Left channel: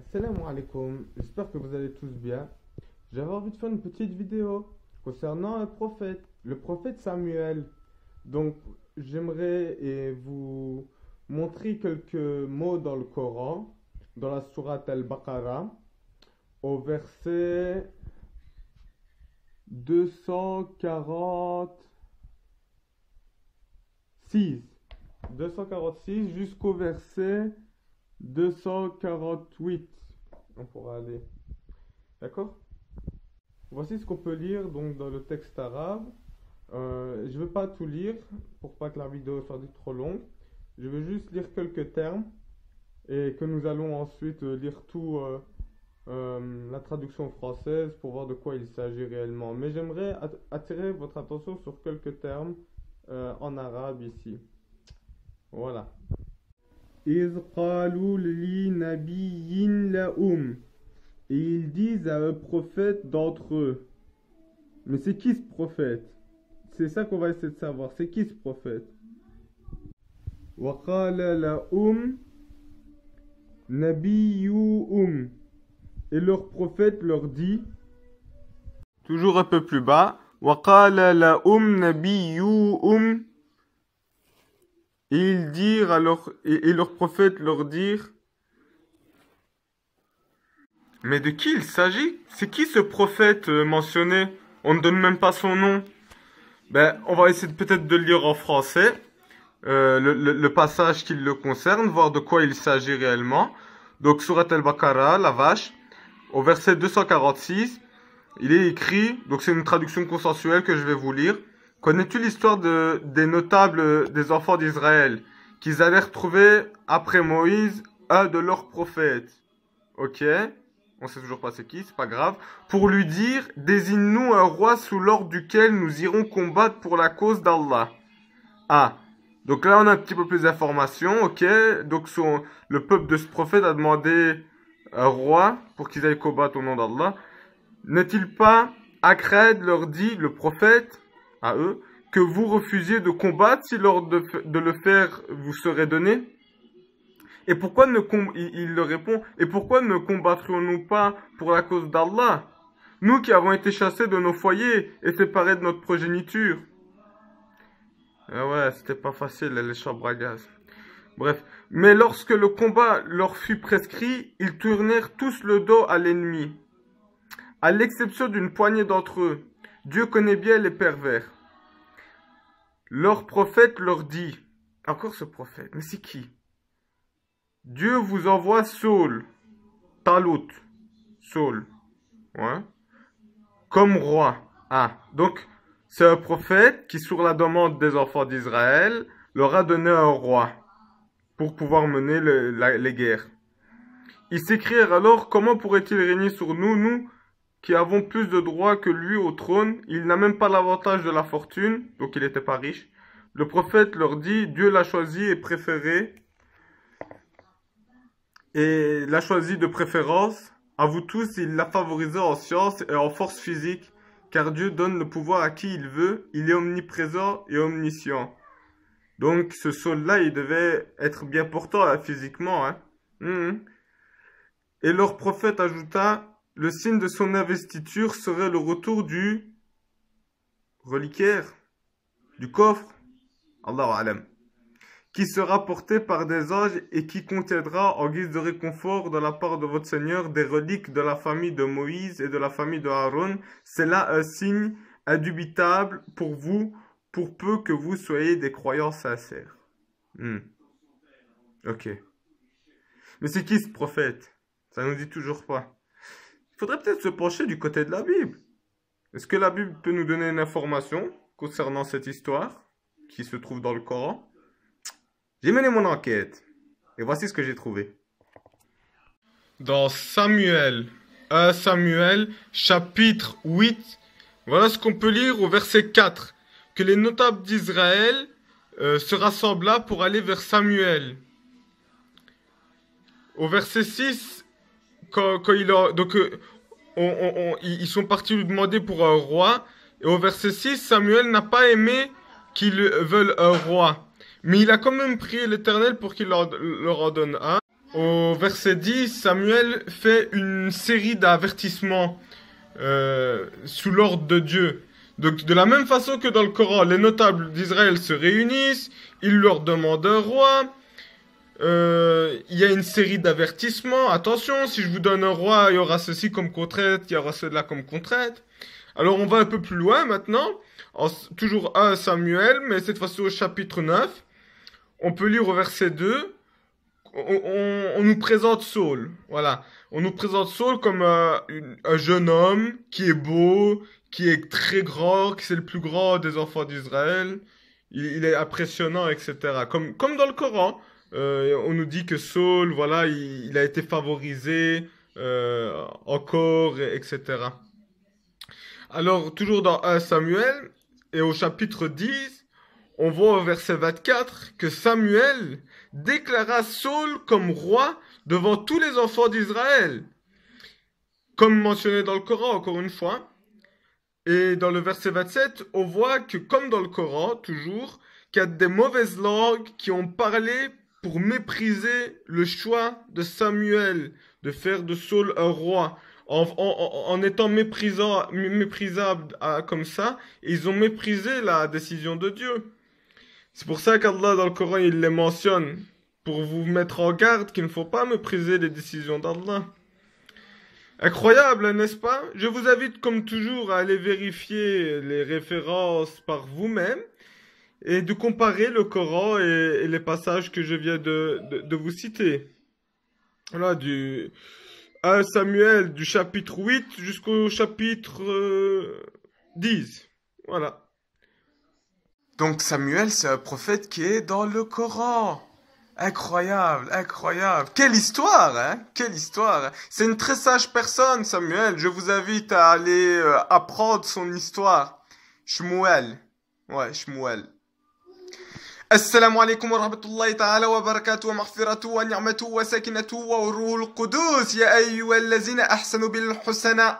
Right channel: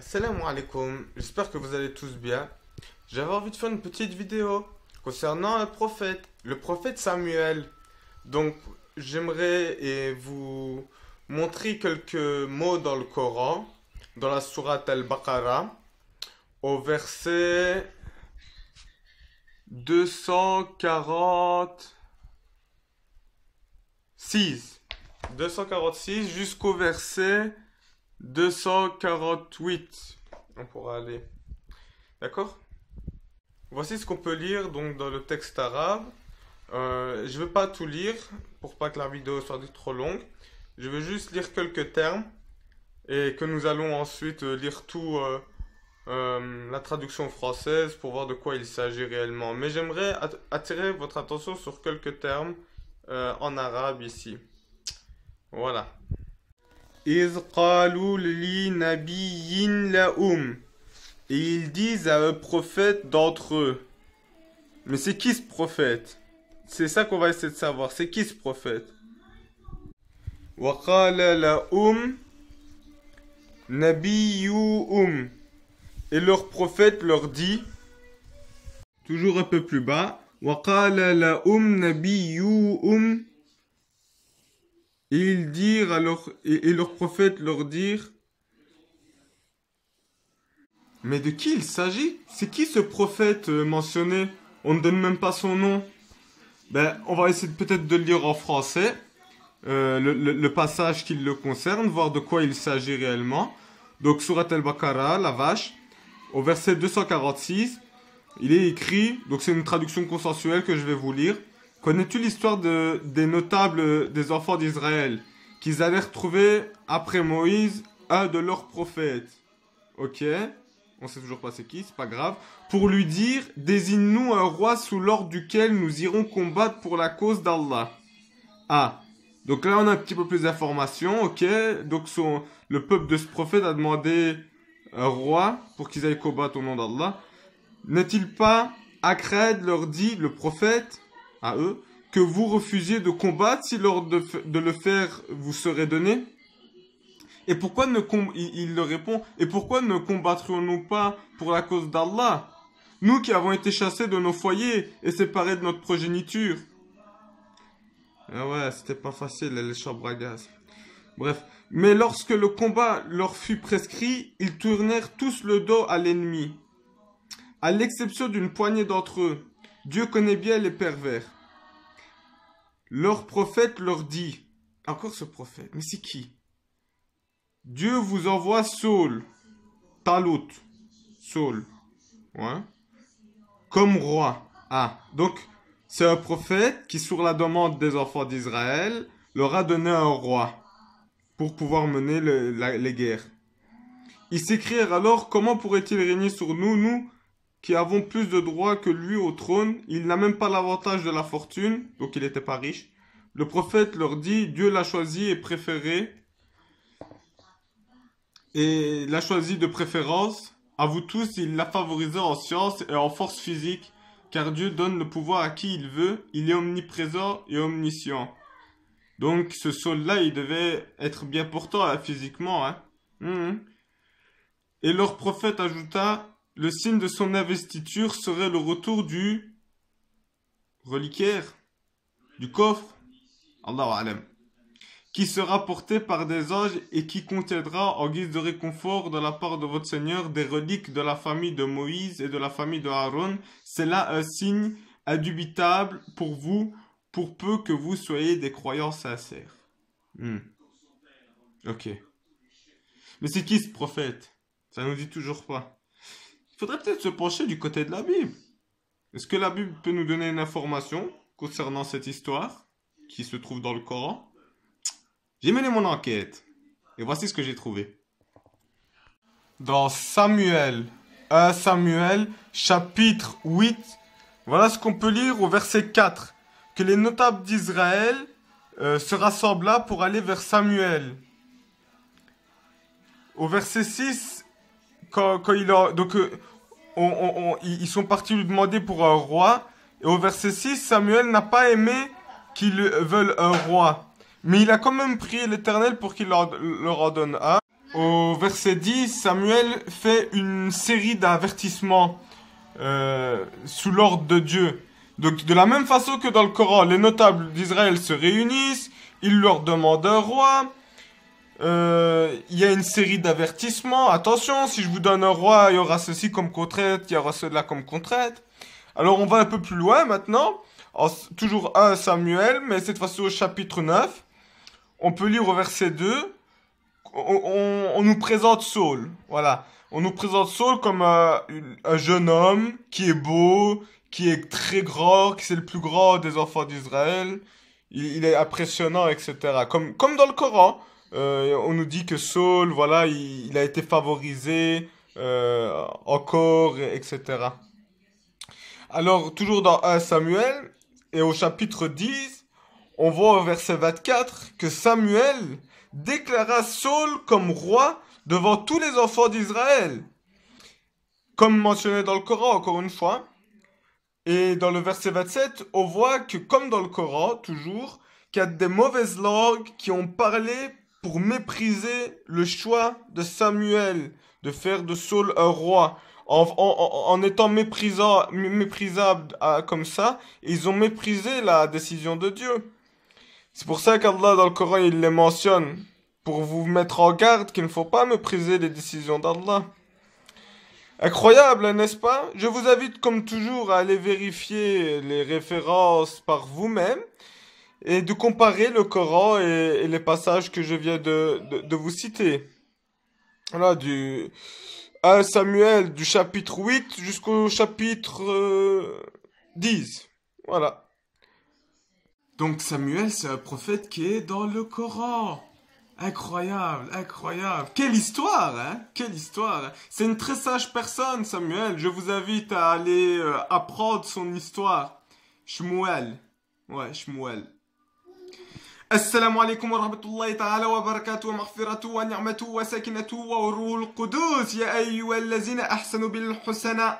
Assalamu alaikum, j'espère que vous allez tous bien. J'avais envie de faire une petite vidéo concernant le prophète Samuel. Donc, j'aimerais vous montrer quelques mots dans le Coran, dans la sourate Al-Baqarah, au verset 246 jusqu'au verset 248. On pourra aller. D'accord? Voici ce qu'on peut lire donc dans le texte arabe. Je ne vais pas tout lire pour pas que la vidéo soit trop longue. Je vais juste lire quelques termes et que nous allons ensuite lire tout la traduction française pour voir de quoi il s'agit réellement. Mais j'aimerais attirer votre attention sur quelques termes en arabe ici. Voilà. إذ قالوا لنبي لهم. Et ils disent à un prophète d'entre eux. Mais c'est qui ce prophète? C'est ça qu'on va essayer de savoir. C'est qui ce prophète? وقال لهم نبيهم. Et leur prophète leur dit, toujours un peu plus bas, وقال لهم نبيهم. Et ils dirent alors, et leur prophète leur dire, mais de qui il s'agit? C'est qui ce prophète mentionné? On ne donne même pas son nom. Ben, on va essayer peut-être de le lire en français, le passage qui le concerne, voir de quoi il s'agit réellement. Donc, Surat Al-Baqarah, la vache, au verset 246, il est écrit, donc c'est une traduction consensuelle que je vais vous lire. Connais-tu l'histoire des notables des enfants d'Israël, qu'ils allèrent trouver après Moïse un de leurs prophètes? Ok, on sait toujours pas c'est qui, c'est pas grave. Pour lui dire, désigne-nous un roi sous l'ordre duquel nous irons combattre pour la cause d'Allah. Ah, donc là on a un petit peu plus d'informations, ok. Donc le peuple de ce prophète a demandé un roi pour qu'ils aillent combattre au nom d'Allah. N'est-il pas Akred leur dit, le prophète, à eux, que vous refusiez de combattre si l'ordre de le faire vous serait donné? Et pourquoi il leur répond, et pourquoi ne combattrions-nous pas pour la cause d'Allah, nous qui avons été chassés de nos foyers et séparés de notre progéniture? Ah ouais, c'était pas facile les chambres à gaz. Bref, mais lorsque le combat leur fut prescrit, ils tournèrent tous le dos à l'ennemi, à l'exception d'une poignée d'entre eux. Dieu connaît bien les pervers. Leur prophète leur dit, encore ce prophète, mais c'est qui? Dieu vous envoie Saul, Talut, Saul, ouais, comme roi. Ah, donc c'est un prophète qui, sur la demande des enfants d'Israël, leur a donné un roi pour pouvoir mener les guerres. Ils s'écrièrent alors, comment pourrait-il régner sur nous, nous qui avons plus de droits que lui au trône? Il n'a même pas l'avantage de la fortune, donc il n'était pas riche. Le prophète leur dit, Dieu l'a choisi et préféré, et l'a choisi de préférence. À vous tous, il l'a favorisé en science et en force physique, car Dieu donne le pouvoir à qui il veut. Il est omniprésent et omniscient. Donc ce Saul-là, il devait être bien portant là, physiquement. Hein. Et leur prophète ajouta, le signe de son investiture serait le retour du reliquaire, du coffre, Allahu Alam, qui sera porté par des anges et qui contiendra en guise de réconfort de la part de votre Seigneur des reliques de la famille de Moïse et de la famille de Aaron. C'est là un signe indubitable pour vous, pour peu que vous soyez des croyants sincères. Ok. Mais c'est qui ce prophète? Ça nous dit toujours pas. Il faudrait peut-être se pencher du côté de la Bible. Est-ce que la Bible peut nous donner une information concernant cette histoire qui se trouve dans le Coran? J'ai mené mon enquête. Et voici ce que j'ai trouvé. Dans Samuel, 1 Samuel, chapitre 8, voilà ce qu'on peut lire au verset 4. Que les notables d'Israël se rassemblent pour aller vers Samuel. Au verset 6, ils sont partis lui demander pour un roi. Et au verset 6, Samuel n'a pas aimé qu'ils veulent un roi. Mais il a quand même prié l'Éternel pour qu'il leur en donne un. Au verset 10, Samuel fait une série d'avertissements sous l'ordre de Dieu. Donc, de la même façon que dans le Coran, les notables d'Israël se réunissent, ils leur demandent un roi. Il y a une série d'avertissements. Attention, si je vous donne un roi, il y aura ceci comme contrainte, il y aura cela comme contrainte. Alors, on va un peu plus loin maintenant. Toujours 1 Samuel, mais cette fois-ci au chapitre 9. On peut lire au verset 2. On nous présente Saul. Voilà. On nous présente Saul comme un jeune homme qui est beau, qui est très grand, qui c'est le plus grand des enfants d'Israël. Il est impressionnant, etc. Comme dans le Coran. On nous dit que Saul, voilà, il a été favorisé encore, etc. Alors, toujours dans 1 Samuel, et au chapitre 10, on voit au verset 24 que Samuel déclara Saul comme roi devant tous les enfants d'Israël. Comme mentionné dans le Coran, encore une fois. Et dans le verset 27, on voit que, comme dans le Coran, toujours, qu'il y a des mauvaises langues qui ont parlé pour mépriser le choix de Samuel de faire de Saul un roi. En étant méprisable comme ça, ils ont méprisé la décision de Dieu. C'est pour ça qu'Allah dans le Coran il les mentionne pour vous mettre en garde qu'il ne faut pas mépriser les décisions d'Allah. Incroyable, hein, n'est-ce pas? Je vous invite comme toujours à aller vérifier les références par vous-même et de comparer le Coran et les passages que je viens de vous citer. Voilà, du 1 Samuel du chapitre 8 jusqu'au chapitre 10. Voilà. Donc Samuel, c'est un prophète qui est dans le Coran. Incroyable, incroyable. Quelle histoire, hein? Quelle histoire, hein? C'est une très sage personne, Samuel. Je vous invite à aller apprendre son histoire. Shmuel. Ouais, Shmuel. السلام عليكم ورحمة الله تعالى وبركاته ومغفرته ونعمته وسكنته وروح القدوس يا أيها الذين أحسنوا بالحسنى